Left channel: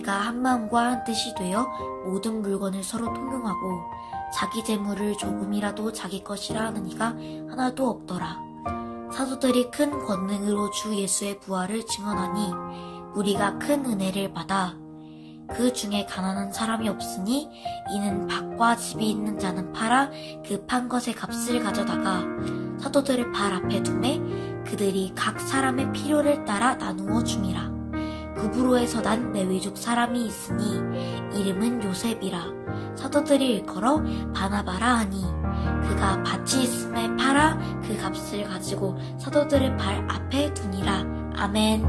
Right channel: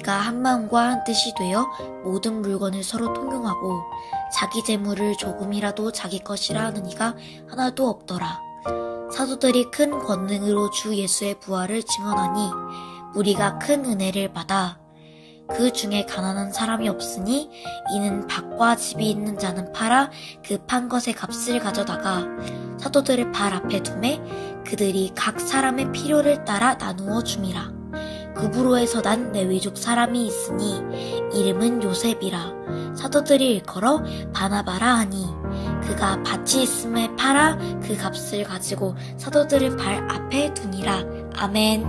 우리가 한 마음과 한 뜻이 되어 모든 물건을 서로 통용하고 자기 재물을 조금이라도 자기 것이라 하는 이가 하나도 없더라. 사도들이 큰 권능으로 주 예수의 부활을 증언하니 우리가 큰 은혜를 받아 그 중에 가난한 사람이 없으니 이는 밭과 집이 있는 자는 팔아 그 판 것의 값을 가져다가 사도들의 발 앞에 두매 그들이 각 사람의 필요를 따라 나누어 줌이라. 구브로에서 난 레위족 사람이 있으니 이름은 요셉이라. 사도들이 일컬어 바나바라 하니 그가 밭이 있음에 팔아 그 값을 가지고 사도들의 발 앞에 두니라. 아멘.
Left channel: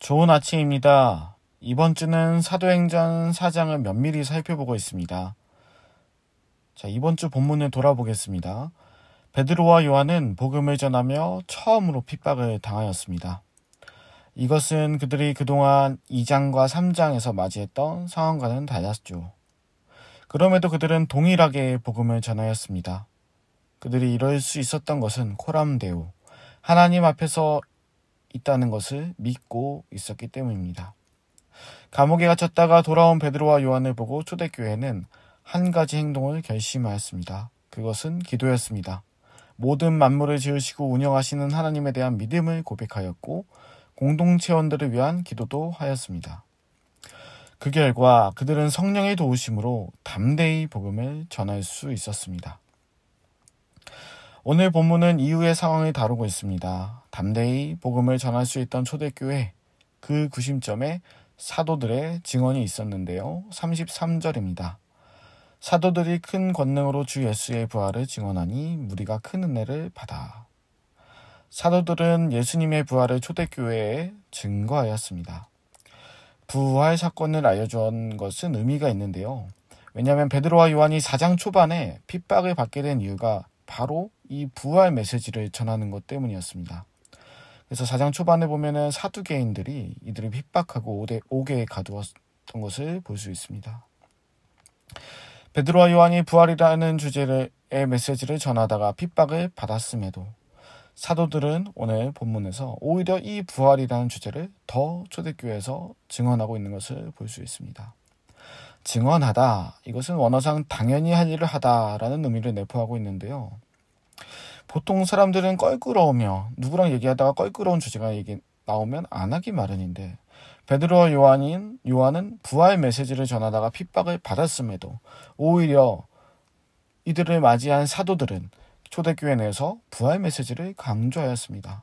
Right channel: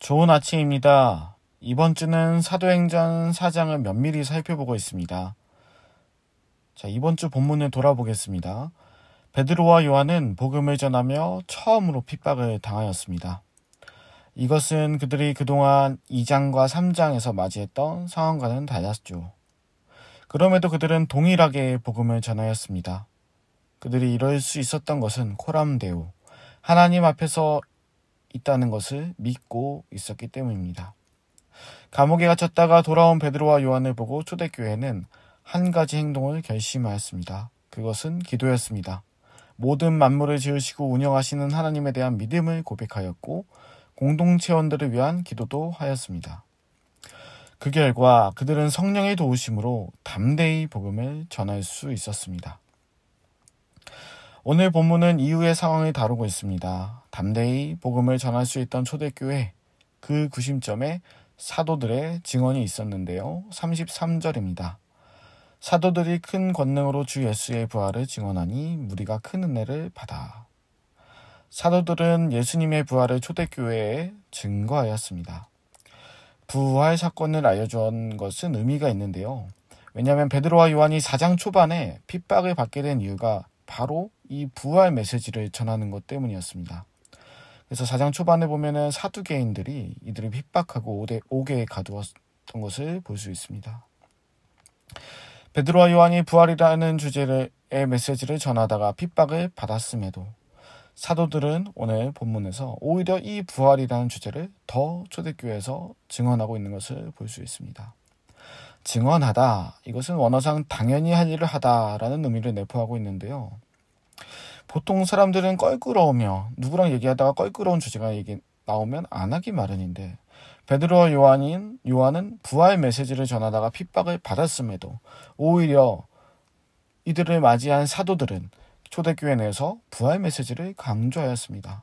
좋은 아침입니다. 이번 주는 사도행전 4장을 면밀히 살펴보고 있습니다. 자, 이번 주 본문을 돌아보겠습니다. 베드로와 요한은 복음을 전하며 처음으로 핍박을 당하였습니다. 이것은 그들이 그동안 2장과 3장에서 맞이했던 상황과는 달랐죠. 그럼에도 그들은 동일하게 복음을 전하였습니다. 그들이 이럴 수 있었던 것은 코람데오, 하나님 앞에서 있다는 것을 믿고 있었기 때문입니다. 감옥에 갇혔다가 돌아온 베드로와 요한을 보고 초대교회는 한 가지 행동을 결심하였습니다. 그것은 기도였습니다. 모든 만물을 지으시고 운영하시는 하나님에 대한 믿음을 고백하였고 공동체원들을 위한 기도도 하였습니다. 그 결과 그들은 성령의 도우심으로 담대히 복음을 전할 수 있었습니다. 오늘 본문은 이후의 상황을 다루고 있습니다. 담대히 복음을 전할 수 있던 초대교회, 그 구심점에 사도들의 증언이 있었는데요. 33절입니다. 사도들이 큰 권능으로 주 예수의 부활을 증언하니 무리가 큰 은혜를 받아. 사도들은 예수님의 부활을 초대교회에 증거하였습니다. 부활 사건을 알려준 것은 의미가 있는데요. 왜냐하면 베드로와 요한이 4장 초반에 핍박을 받게 된 이유가 바로 이 부활 메시지를 전하는 것 때문이었습니다. 그래서 4장 초반에 보면은 사두개인들이 이들을 핍박하고 옥에 가두었던 것을 볼 수 있습니다. 베드로와 요한이 부활이라는 주제의 메시지를 전하다가 핍박을 받았음에도 사도들은 오늘 본문에서 오히려 이 부활이라는 주제를 더 초대교회에서 증언하고 있는 것을 볼 수 있습니다. 증언하다, 이것은 원어상 당연히 할 일을 하다라는 의미를 내포하고 있는데요. 보통 사람들은 껄끄러우며 누구랑 얘기하다가 껄끄러운 주제가 나오면 안 하기 마련인데 베드로와 요한은 부활 메시지를 전하다가 핍박을 받았음에도 오히려 이들을 맞이한 사도들은 초대교회 내에서 부활 메시지를 강조하였습니다.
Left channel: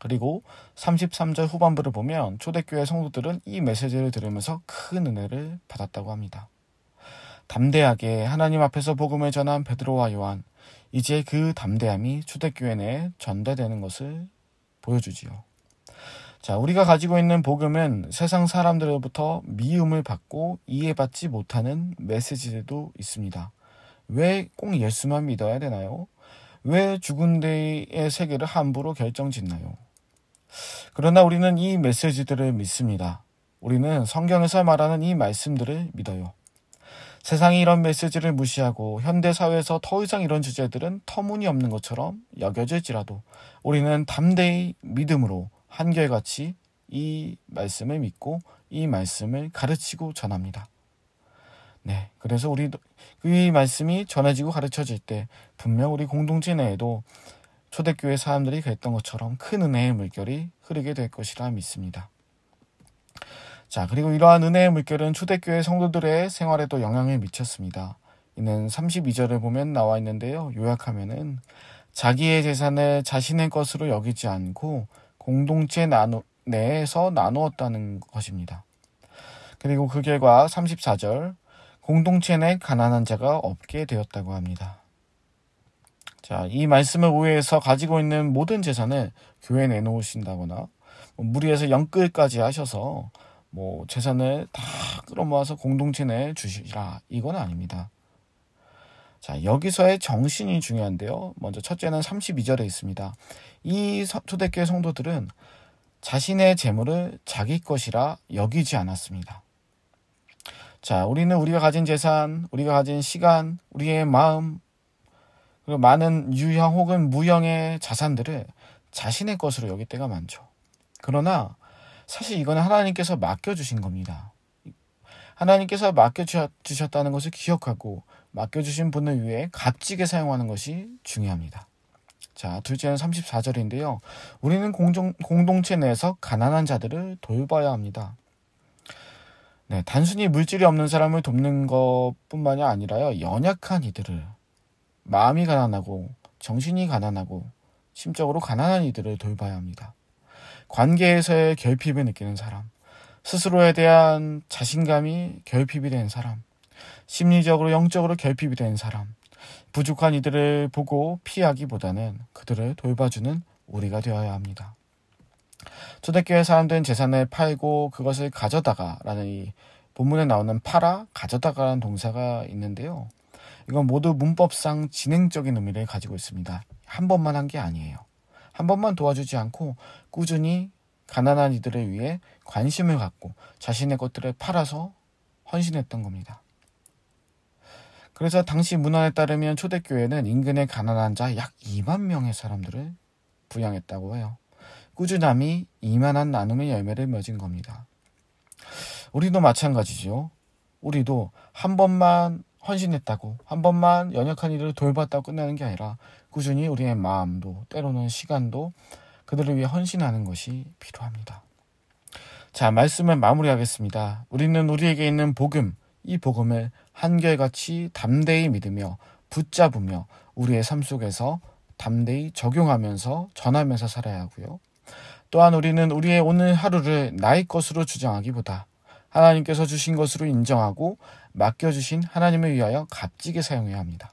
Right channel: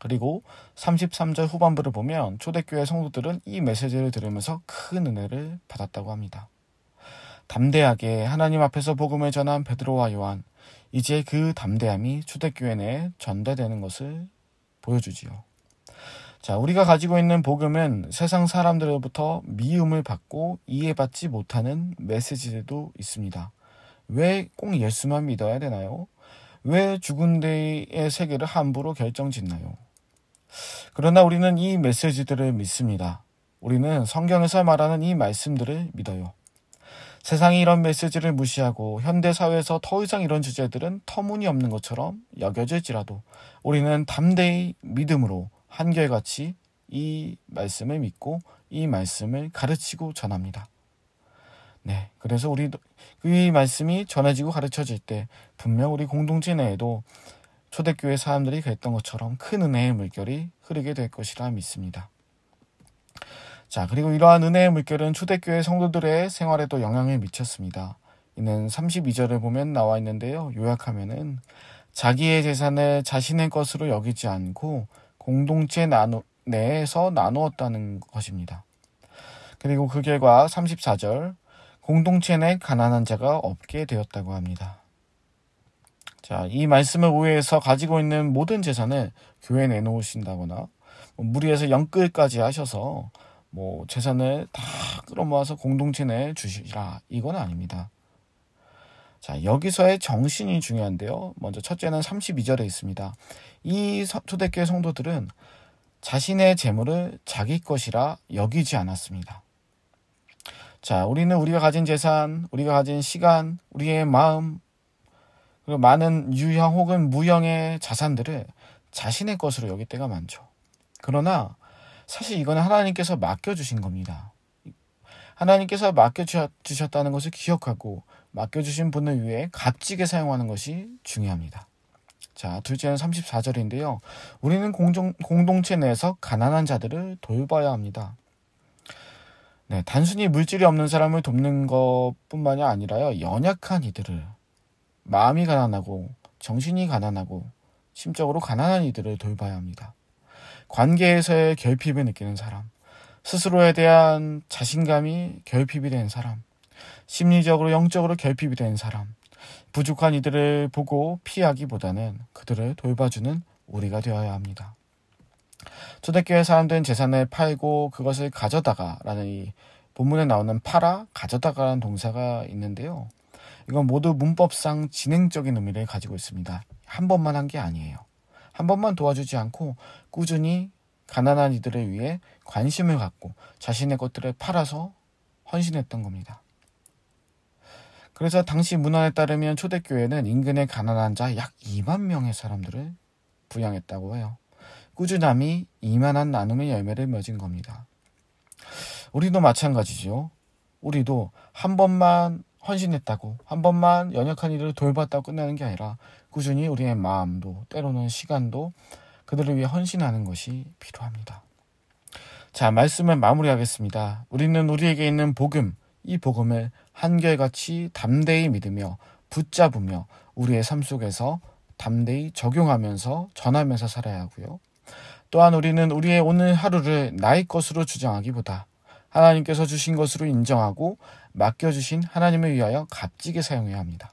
그리고 33절 후반부를 보면 초대교회 성도들은 이 메시지를 들으면서 큰 은혜를 받았다고 합니다. 담대하게 하나님 앞에서 복음을 전한 베드로와 요한, 이제 그 담대함이 초대교회 내에 전달되는 것을 보여주지요. 자, 우리가 가지고 있는 복음은 세상 사람들로부터 미움을 받고 이해받지 못하는 메시지들도 있습니다. 왜 꼭 예수만 믿어야 되나요? 왜 죽은 데의 세계를 함부로 결정짓나요? 그러나 우리는 이 메시지들을 믿습니다. 우리는 성경에서 말하는 이 말씀들을 믿어요. 세상이 이런 메시지를 무시하고 현대사회에서 더 이상 이런 주제들은 터무니없는 것처럼 여겨질지라도 우리는 담대히 믿음으로 한결같이 이 말씀을 믿고 이 말씀을 가르치고 전합니다. 네, 그래서 우리도 이 말씀이 전해지고 가르쳐질 때 분명 우리 공동체 내에도 초대교회 사람들이 그랬던 것처럼 큰 은혜의 물결이 흐르게 될 것이라 믿습니다. 자, 그리고 이러한 은혜의 물결은 초대교회 성도들의 생활에도 영향을 미쳤습니다. 이는 32절을 보면 나와 있는데요. 요약하면은 자기의 재산을 자신의 것으로 여기지 않고 공동체 내에서 나누었다는 것입니다. 그리고 그 결과 34절, 공동체 내 가난한 자가 없게 되었다고 합니다. 자, 이 말씀을 오해해서 가지고 있는 모든 재산을 교회에 내놓으신다거나 무리해서 연끌까지 하셔서 재산을 다 끌어모아서 공동체 내에 주시라, 이건 아닙니다. 자, 여기서의 정신이 중요한데요. 먼저 첫째는 32절에 있습니다. 이 초대교회 성도들은 자신의 재물을 자기 것이라 여기지 않았습니다. 자, 우리는 우리가 가진 재산, 우리가 가진 시간, 우리의 마음, 그리고 많은 유형 혹은 무형의 자산들을 자신의 것으로 여길 때가 많죠. 그러나 사실 이거는 하나님께서 맡겨주신 겁니다. 하나님께서 맡겨주셨다는 것을 기억하고 맡겨주신 분을 위해 값지게 사용하는 것이 중요합니다. 자, 둘째는 34절인데요. 우리는 공동체 내에서 가난한 자들을 돌봐야 합니다. 네, 단순히 물질이 없는 사람을 돕는 것뿐만이 아니라요. 연약한 이들을, 마음이 가난하고 정신이 가난하고 심적으로 가난한 이들을 돌봐야 합니다. 관계에서의 결핍을 느끼는 사람, 스스로에 대한 자신감이 결핍이 된 사람, 심리적으로 영적으로 결핍이 된 사람, 부족한 이들을 보고 피하기보다는 그들을 돌봐주는 우리가 되어야 합니다. 초대교회 사람들은 재산을 팔고 그것을 가져다가 라는 이 본문에 나오는 팔아, 가져다가라는 동사가 있는데요. 이건 모두 문법상 진행적인 의미를 가지고 있습니다. 한 번만 한 게 아니에요. 한 번만 도와주지 않고 꾸준히 가난한 이들을 위해 관심을 갖고 자신의 것들을 팔아서 헌신했던 겁니다. 그래서 당시 문헌에 따르면 초대교회는 인근의 가난한 자 약 2만 명의 사람들을 부양했다고 해요. 꾸준함이 이만한 나눔의 열매를 맺은 겁니다. 우리도 마찬가지죠. 우리도 한 번만 헌신했다고, 한 번만 연약한 이들을 돌봤다고 끝나는 게 아니라 꾸준히 우리의 마음도 때로는 시간도 그들을 위해 헌신하는 것이 필요합니다. 자, 말씀을 마무리하겠습니다. 우리는 우리에게 있는 복음, 이 복음을 한결같이 담대히 믿으며 붙잡으며 우리의 삶 속에서 담대히 적용하면서 전하면서 살아야 하고요. 또한 우리는 우리의 오늘 하루를 나의 것으로 주장하기보다 하나님께서 주신 것으로 인정하고 맡겨주신 하나님을 위하여 값지게 사용해야 합니다.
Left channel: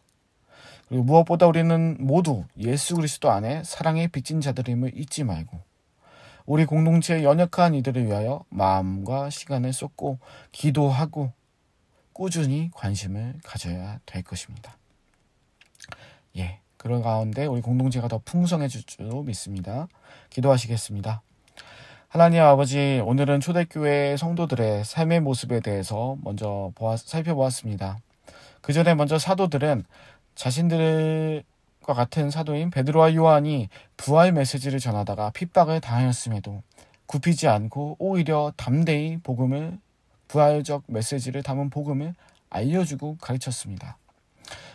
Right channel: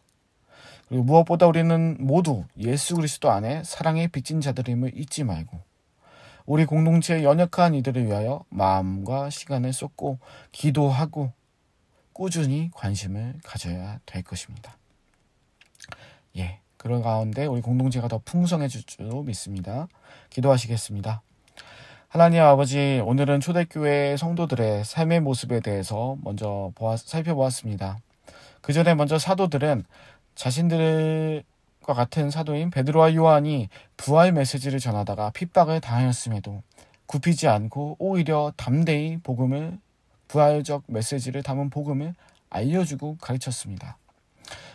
그리고 무엇보다 우리는 모두 예수 그리스도 안에 사랑의 빚진 자들임을 잊지 말고 우리 공동체의 연약한 이들을 위하여 마음과 시간을 쏟고 기도하고 꾸준히 관심을 가져야 될 것입니다. 그런 가운데 우리 공동체가 더 풍성해질 줄로 믿습니다. 기도하시겠습니다. 하나님 아버지, 오늘은 초대교회 성도들의 삶의 모습에 대해서 먼저 살펴보았습니다. 그 전에 먼저 사도들은 자신들과 같은 사도인 베드로와 요한이 부활 메시지를 전하다가 핍박을 당하였음에도 굽히지 않고 오히려 담대히 부활적 메시지를 담은 복음을 알려주고 가르쳤습니다.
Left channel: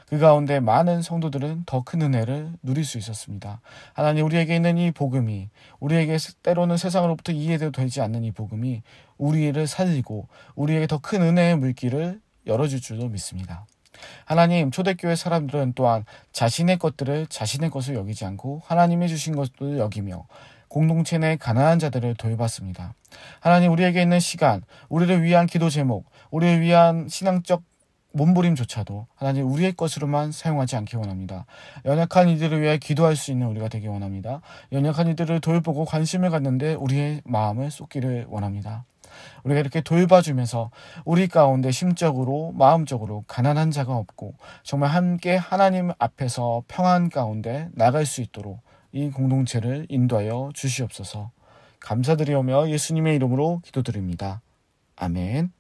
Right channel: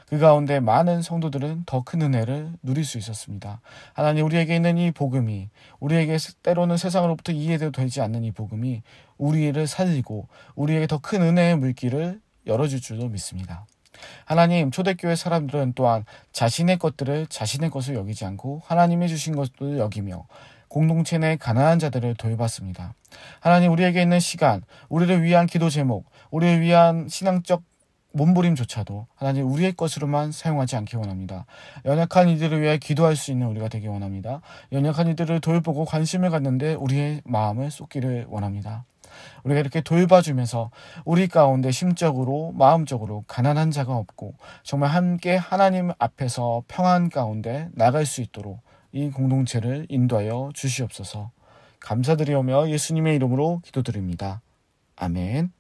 그 가운데 많은 성도들은 더 큰 은혜를 누릴 수 있었습니다. 하나님, 우리에게 있는 이 복음이, 우리에게 때로는 세상으로부터 이해도 되지 않는 이 복음이 우리를 살리고 우리에게 더 큰 은혜의 물길을 열어줄 줄로 믿습니다. 하나님, 초대교회 사람들은 또한 자신의 것들을 자신의 것을 여기지 않고 하나님이 주신 것을 여기며 공동체 내 가난한 자들을 돌봤습니다. 하나님, 우리에게 있는 시간, 우리를 위한 기도 제목, 우리를 위한 신앙적 몸부림조차도 하나님 우리의 것으로만 사용하지 않기 원합니다. 연약한 이들을 위해 기도할 수 있는 우리가 되기 원합니다. 연약한 이들을 돌보고 관심을 갖는데 우리의 마음을 쏟기를 원합니다. 우리가 이렇게 돌봐주면서 우리 가운데 심적으로 마음적으로 가난한 자가 없고 정말 함께 하나님 앞에서 평안 가운데 나갈 수 있도록 이 공동체를 인도하여 주시옵소서. 감사드리오며 예수님의 이름으로 기도드립니다. 아멘.